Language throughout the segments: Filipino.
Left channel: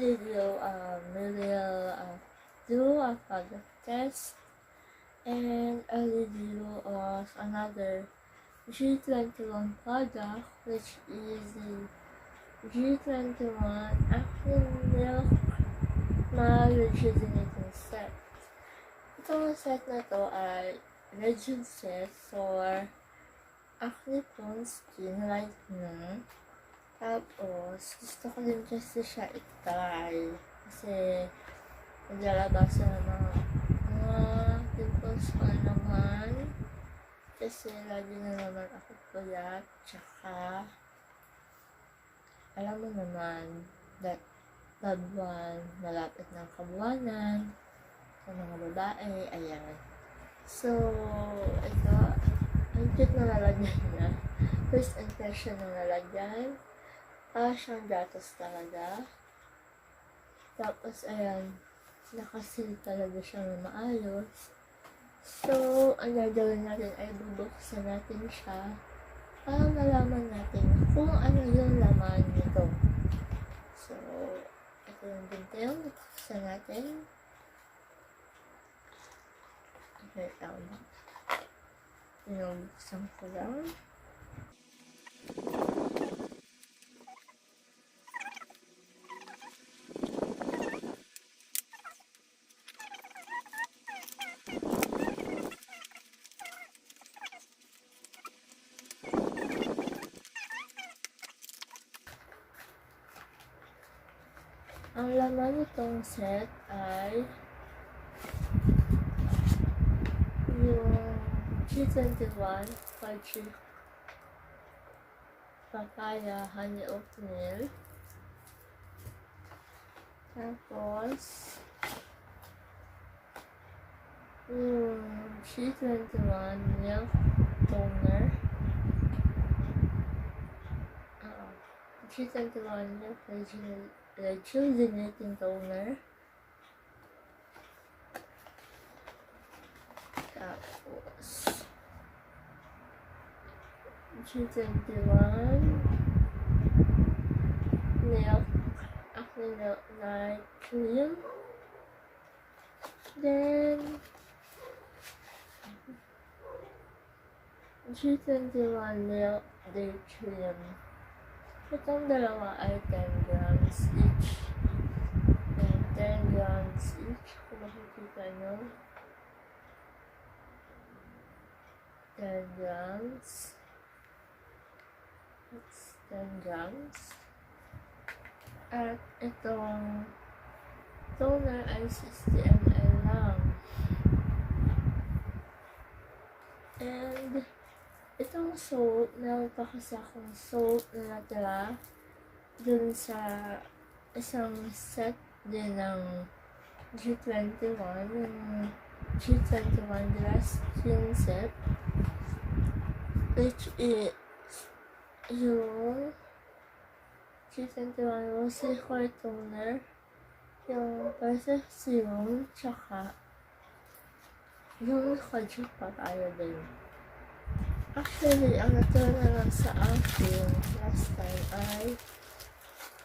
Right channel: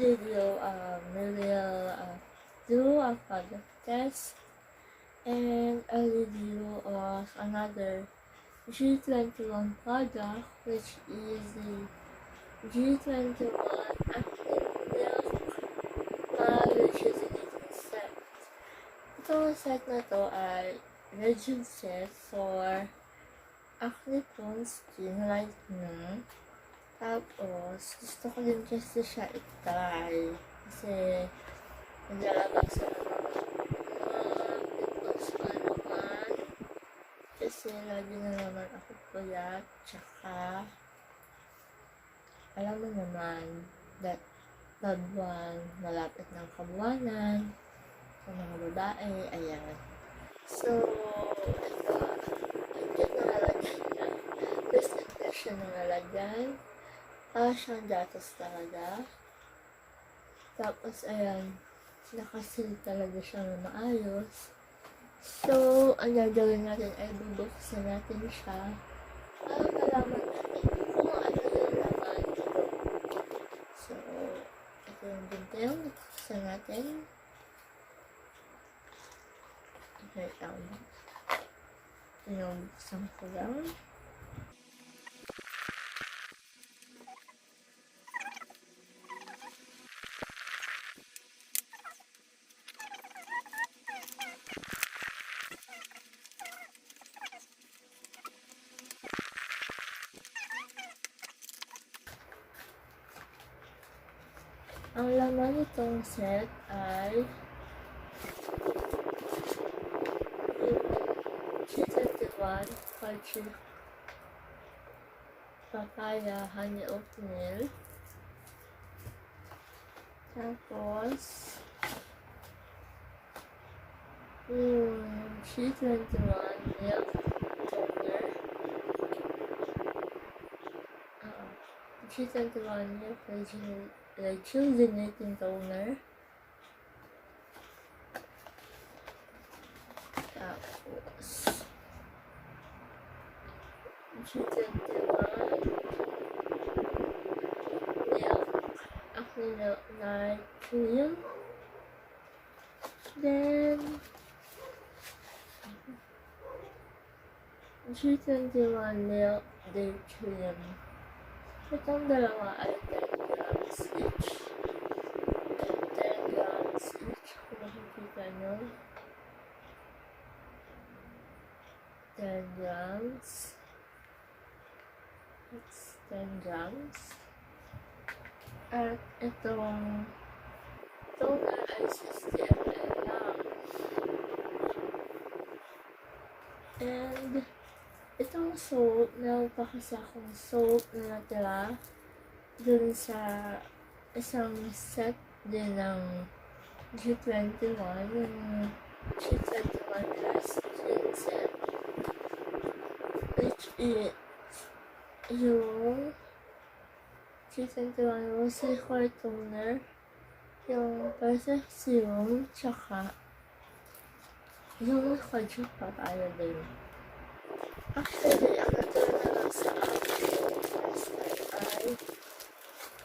video, we will do a product test and a review of another G21 product, which is the G21 Acne Milk na Rejuvenating set. Itong set na to ay Rejuve set for acne prone skin lightening. Tapos, gusto ko din kasi siya i-try. Kasi, naglalabas na mga pimples ko naman. Kasi, lagi na naman ako puyat. Tsaka, alam mo naman, that buwan, malapit ng kabuwanan, sa mga babae, ayan. So, ito, ang cute na lalagyan na. First impression ng lalagyan. Siyang datos talaga. Tapos, ayan, nakasil talaga siya na maayos. So, ang gagawin natin ay bubuksan natin siya para malaman natin kung ano yung laman nito. So, ito yung bintang, bubuksan natin. Wait lang. Pinubuksan ko lang. Ang laman nitong set ay yung G21 Fudgy Papaya Honey Oatmeal. Tapos yung G21 Milk Toner. G21 Milk Rejuvenating Toner. Tapos G21 Milk Acne Night Cream. Then G21 Milk Day Cream. Itong dalawa ay 10 grams each. And 10 grams each. Kung makikita nyo. 10 grams. It's 10 grams. At itong toner ay 60 ml lang. And itong soap, meron pa kasi akong soap na natira dun sa isang set din ng G21, yung G21 Last Skin Set, which is yung G21 Rosy Core Toner, yung Perfect Serum, tsaka yung Fudgy Papaya din. Actually, ang natira na lang sa akin last time ay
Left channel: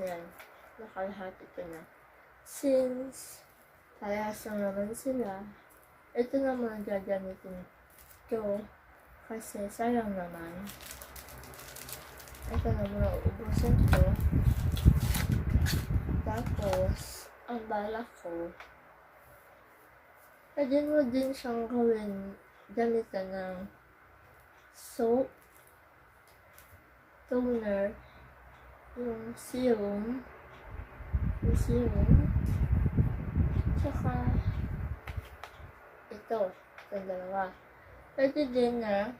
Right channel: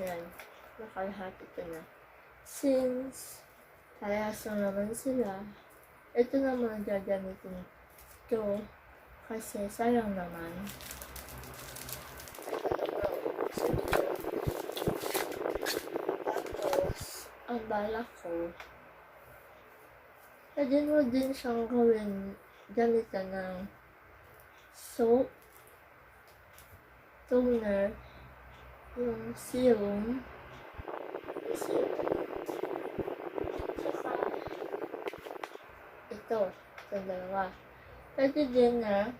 yan, nakalahati ko na. Since parehas lang naman sila, ito naman gagamitin ko kasi sayang naman. Ito naman uubusin ko. Tapos, ang bala ko, pwede mo din siyang gawin gamitan ng soap, toner, yung serum, tsaka ito, itong dalawa. Pwede din na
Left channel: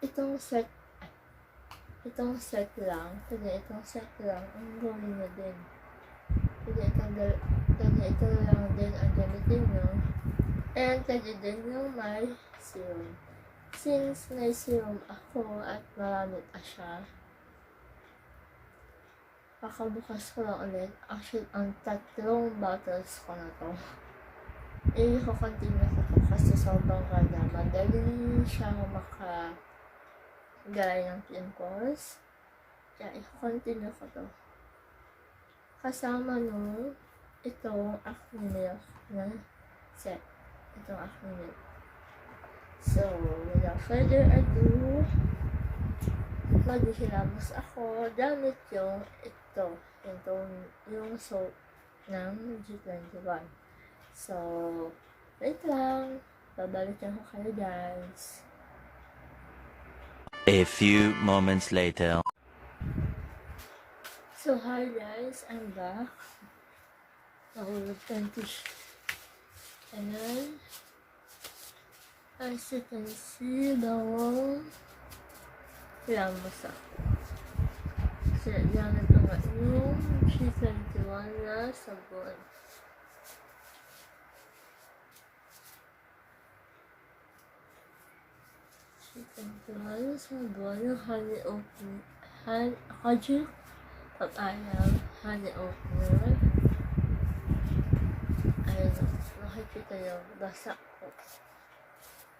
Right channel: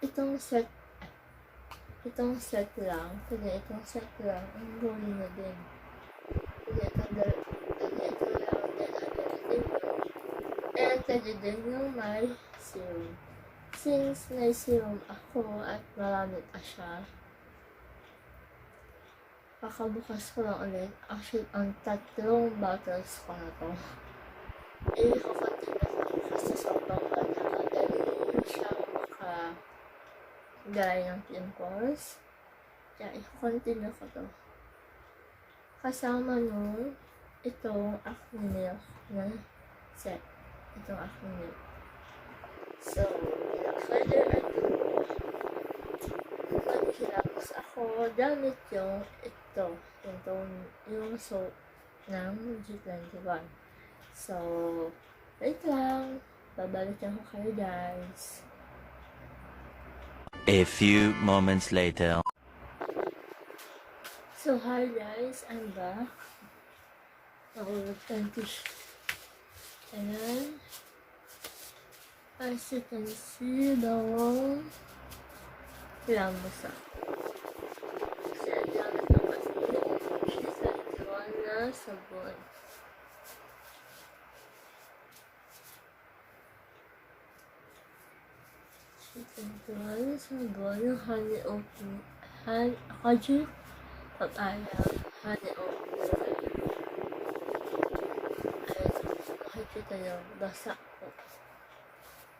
itong set lang, ang gawin na din. Pwede ito lang din ang gamitin mo. And pwede din yung may serum. Since may serum ako at marami pa siya, kakabukas ko lang ulit. Actually, ang 3 bottles ko na to. I-continue ko kasi sobrang kanya. Dali siya makagay ng pimples. Kaya i-continue ko to. Kasama nung itong acne nail na set. Itong acne nail. So, without further ado, maghihilamos ako gamit yung ito. Yung soap ng G21. So, wait lang. Babalikan ko kayo guys. A few moments later. So, hi guys, I'm back. Ayan. As you can see, bawang hilamos ako. Kasi gamit ako yung G21 na sabon. G21 sabon, yung honey oatmeal. Pag-ayaw, honey oatmeal. Ayun, makikita nyo, basa ko.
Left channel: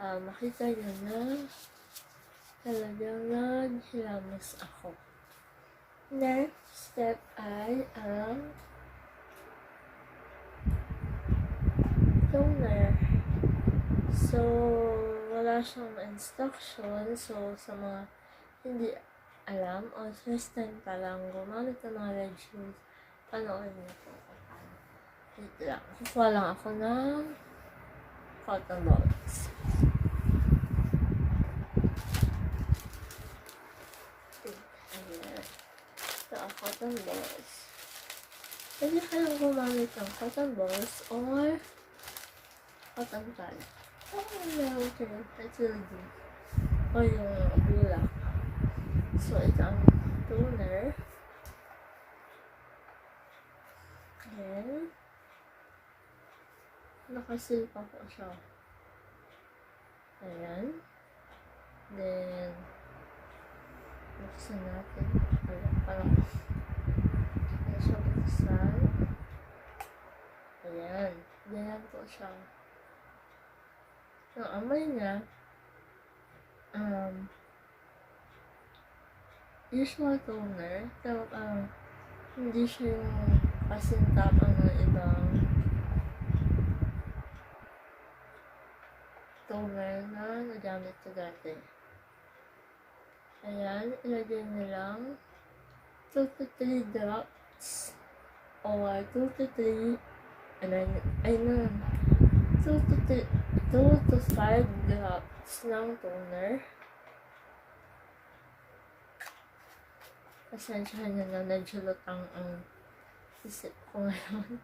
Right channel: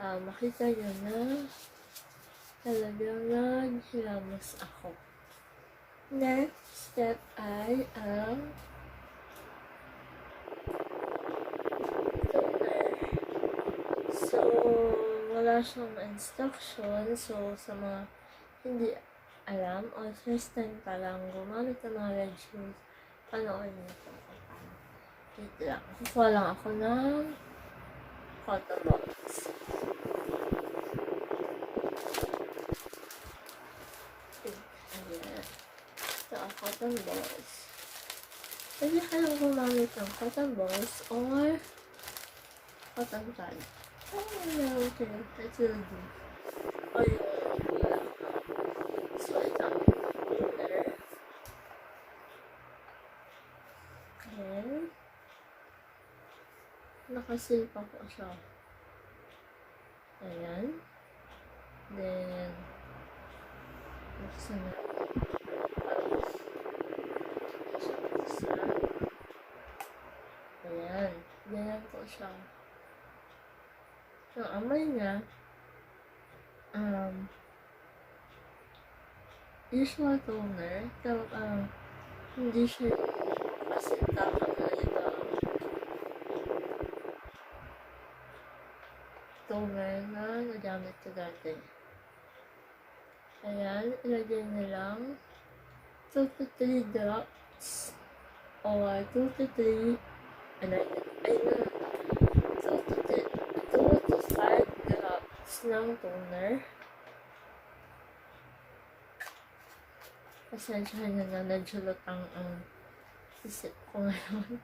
Makita nyo na talagang naghilamos ako. Next step ay ang toner. So, wala siyang instruction. So, sa mga hindi alam o first time pa lang gumamit ng mga regimens, panoorin niyo po kung paano. Wait lang. Kukuha lang ako ng cotton balls. Ayan. Ito ang cotton balls. Pwede kayong gumamit ng cotton balls or cotton pad. Meron kayo. It will do. O yung bulak. So, ito ang toner. Then, nakasil pa po siya. Ayan. Then, buksan natin. Parang hindi siya buksan. Ayan. Ganyan po siya. Yung amoy niya, usual toner, pero hindi siya yung kasintakan ng ibang toner na nagamit ko dati. Ayan, ilagay nilang 2 to 3 drops or 2 to 3 2 to 5 drops ng toner. Pasensyahan nyo na medyo lutang ang isip ko ngayon.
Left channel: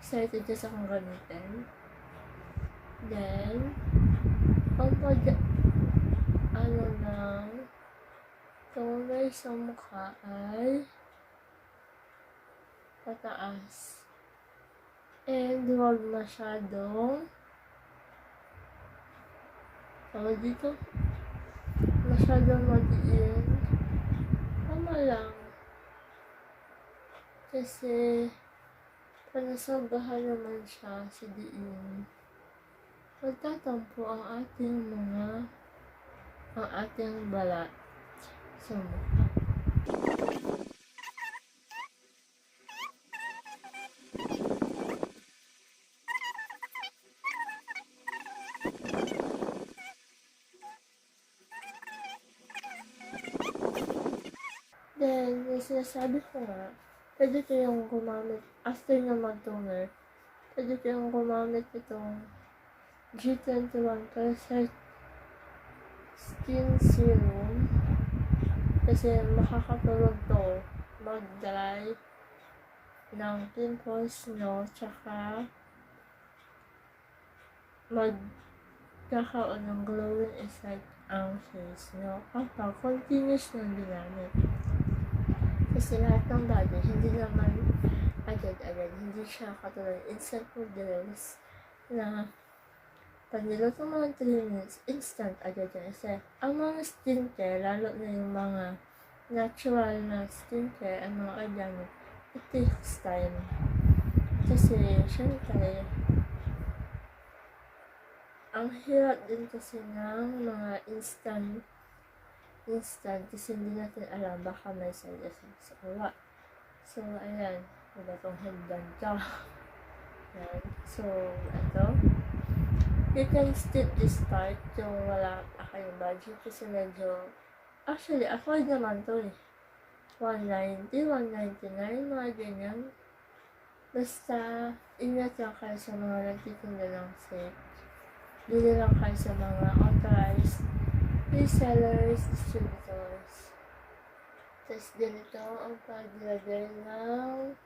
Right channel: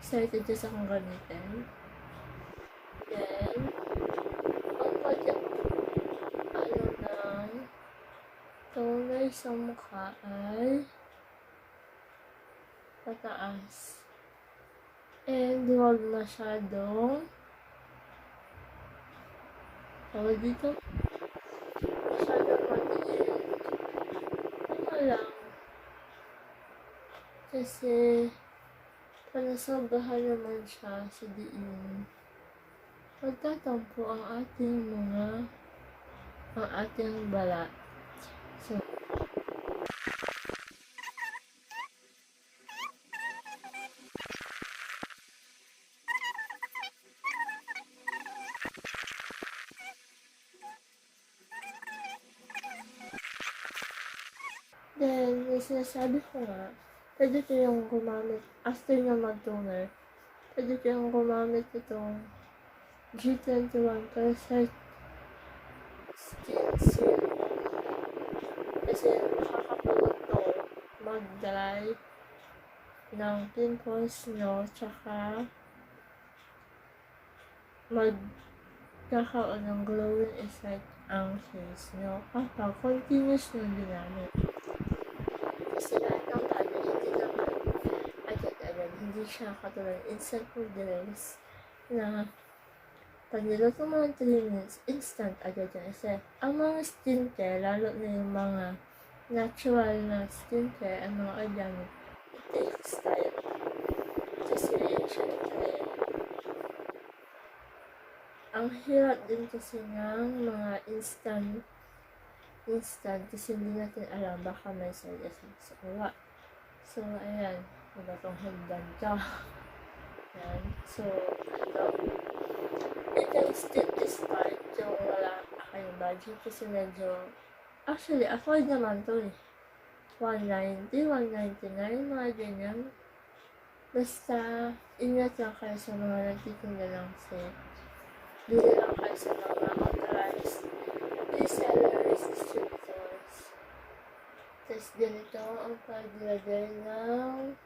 Excited just akong gamitin. Then, ang ng toner sa mukha ay pataas. And huwag masyadong dito masyadong madiin. Tama lang. Kasi panasabahan naman siya sa diin. Magtatampo ang ating balat. So, then, yung sinasabi ko nga, pwede kayong gumamit, after nyo mag-toner, pwede kayong gumamit itong G21% skin serum. Kasi makakatulog to mag-dry ng pimples nyo, tsaka magkakaroon ng glowing effect ang face nyo kapag continuous nyo ginamit. Kasi lahat ng bagay, hindi naman agad-agad, hindi siya katulad instant noodles na pag niluto mo ng 3 minutes, instant agad yan. Kasi ang mga skincare, lalo na yung mga natural na skincare, ang mga organic, it takes time. Kasi, syempre, ang hirap din kasi ng mga instant instant kasi hindi natin alam baka may side effects o what. So, ayan. Diba itong headband ka? Ayan. So, ito. You can still start yung wala kayong budget kasi medyo, actually, afford naman to eh. 190, 199, mga ganyan. Basta, ingat lang kayo sa mga nagtitinda ng set. Bili lang kayo sa mga authorized resellers, distributors. Tapos ganito ang paglagay ng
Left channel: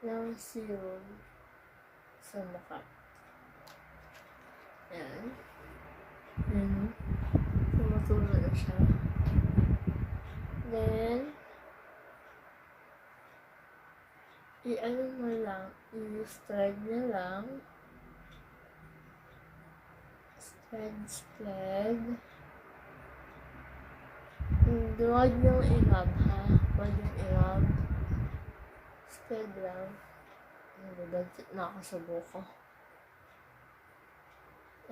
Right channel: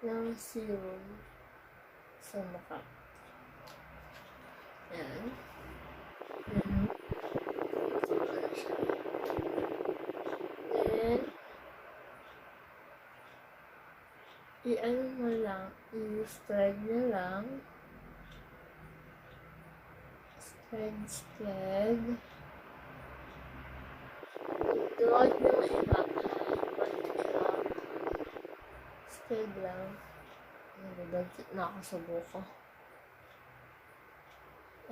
ng serum sa mukha. Ayan. Ayan. Tumutulo na siya. Then, i-ano mo lang, i-spread na lang. Spread. Huwag yung i-rub ha. Huwag yung i-rub. Spread lang. Nagagagit na ako sa buko.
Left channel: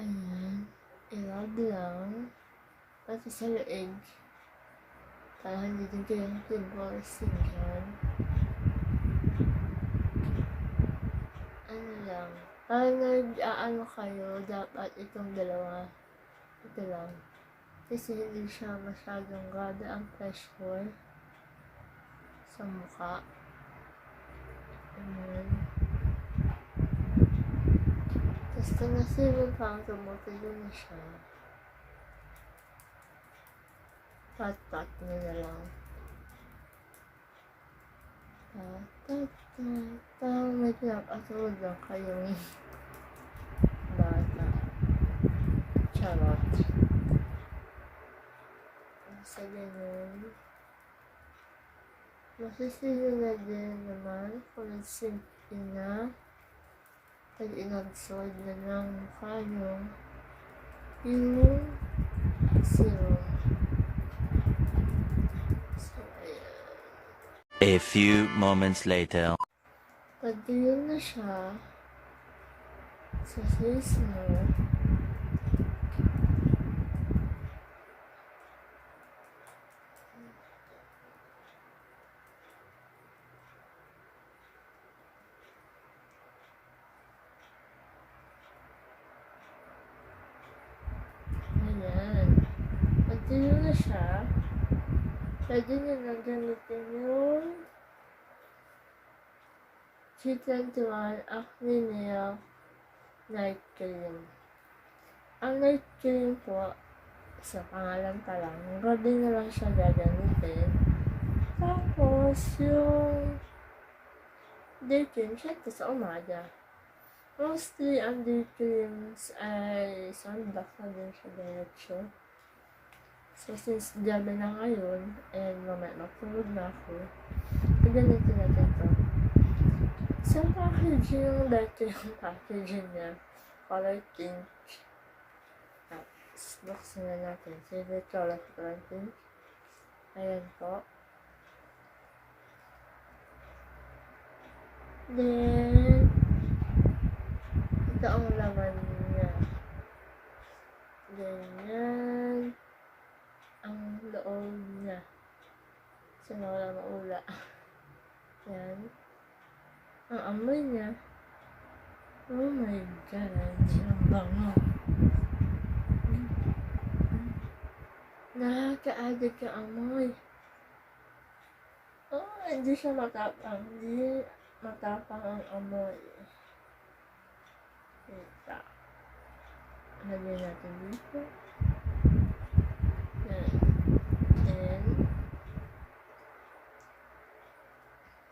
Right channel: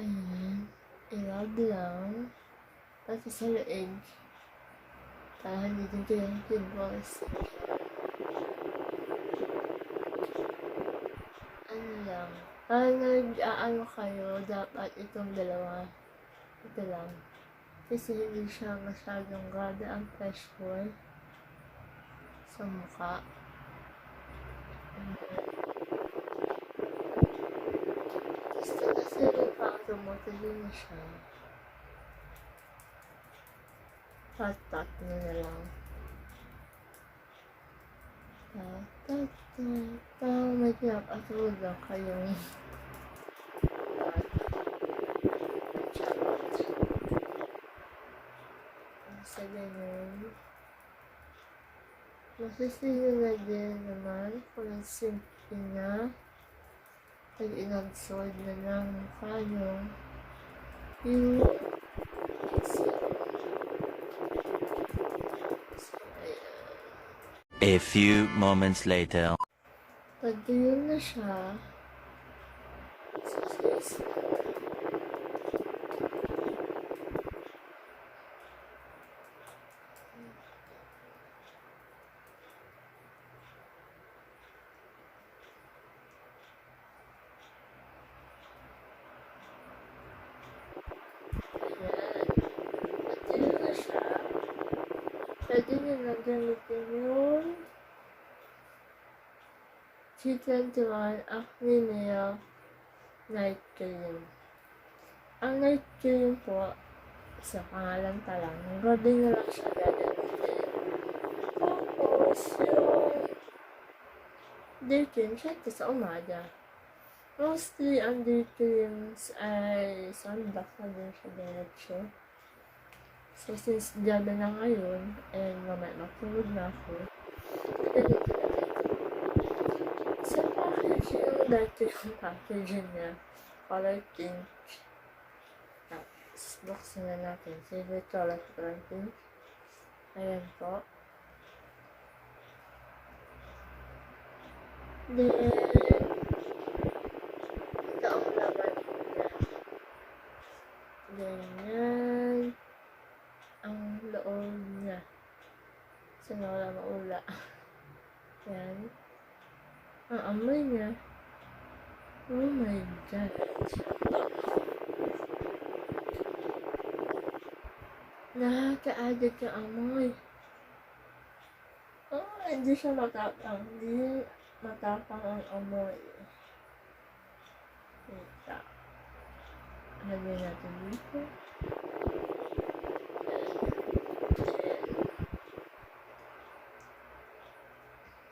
Ayan. I-rub lang. Pati sa leeg. Para hindi din kayo yung pimples. Ano lang. Para nag-aano kayo, dapat itong dalawa. Ito lang. Kasi hindi siya masyadong grabe ang pressure sa mukha. Ayan. Basta nasirin pa ang tumutuloy na siya. Pat-pat nyo na lang. Parang may pinapatulog lang kayong bata. Charot. Sa ganyan. Masisino na din naman kung nagsimpi na pag inabsorb na ng mukha nyo yung serum. So, ayan. A few moments later. Pag yun na siya, sa face mo, ayan. Pag yun na siya, pwede nyo lang gamitin yung G21 Acne Night Cream. Ang night cream po, sa pangalan pa lang, gabi na lang siya gagamitin. Tapos, yung day cream, syempre sa umaga. Mostly, ang day creams ay sunblock na din siya diretso. So, since gabi na ngayon, and mamaya matulog na ako, ganito natin ito. Sa packaging, yung dati yung packaging niya, color pink. Tapos, buksan na natin. Favorite color pink. Ayan po. Then, ito ang laman niya. Ganyan. Ang loob niya. Sana wala maula. Yan. Ang amoy niya. Oh my God. Ang bango. Nakaka-addict yung amoy. Oh, hindi siya matapang. Hindi matapang ang amoy. Ito. Lagyan natin dito. Then,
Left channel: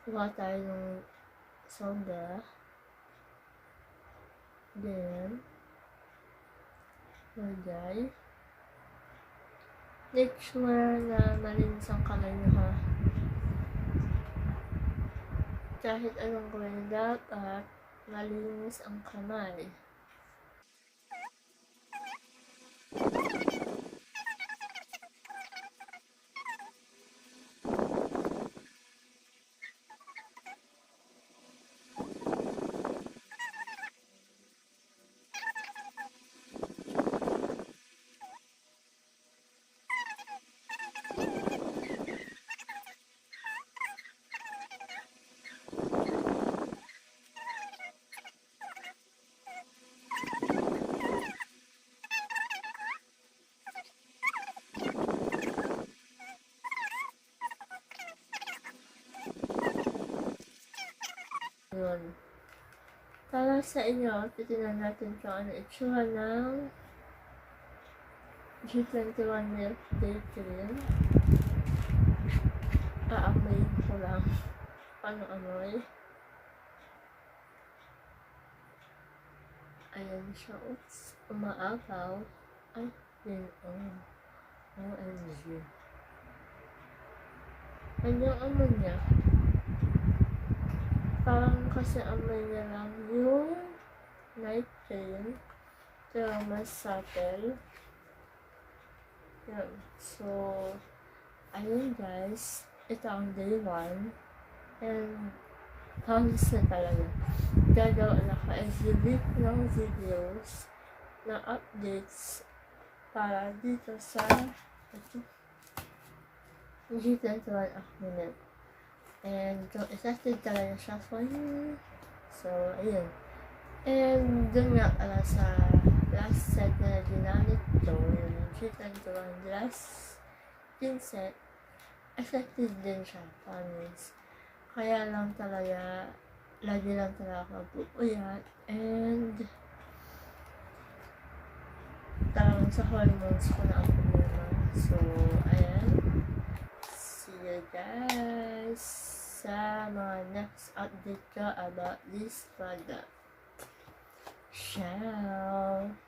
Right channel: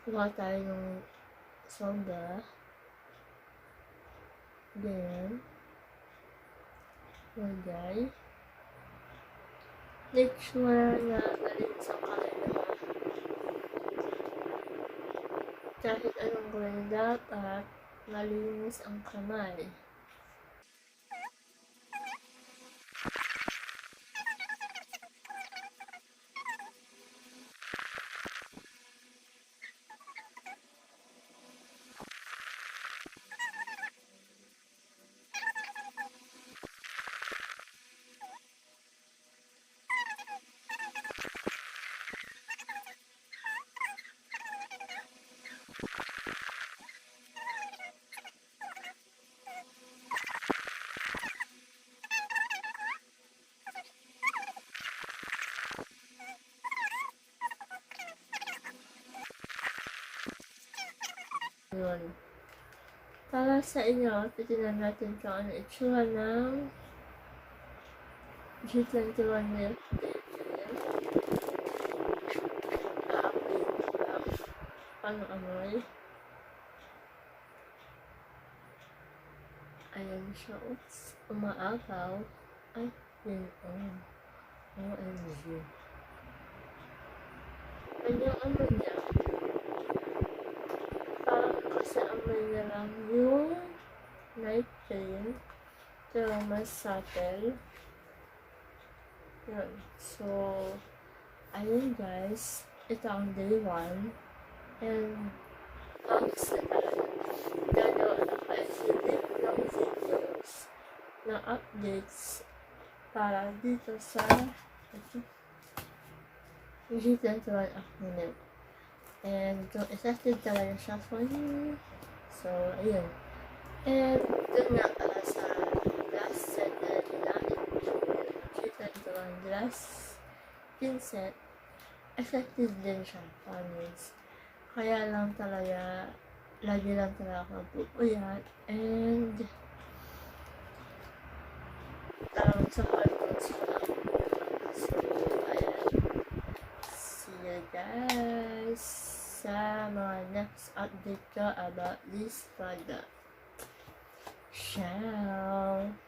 kuha tayo ng soda. Then, lagay. Make sure na malinis ang kamay nyo ha. Kahit anong gawin, dapat malinis ang kamay. Yun. Para sa inyo, titignan natin kung ano itsura ng G21 Milk Day Cream. Aamoyin ko lang. Paano amoy? Ayan siya. Oops. Umaagaw. Ay, yun. OMG. Ano yung amoy niya? Parang kasi amoy niya lang yung night cream. Pero mas subtle. Yun. So, ayun guys. Ito ang day 1. And, promise na talaga. Gagawa na ka-exhibit ng videos na updates para dito sa G21 Acne. And kung effective talaga siya for you. So, ayun. And dun nga pala sa last set na ginamit ko, yung G21 glass skin set, effective din siya, promise. Kaya lang talaga, lagi lang talaga ako pupuyat. And talagang sa hormones ko na ako naman. So, ayan. See you guys sa mga next update ko about this product. Ciao!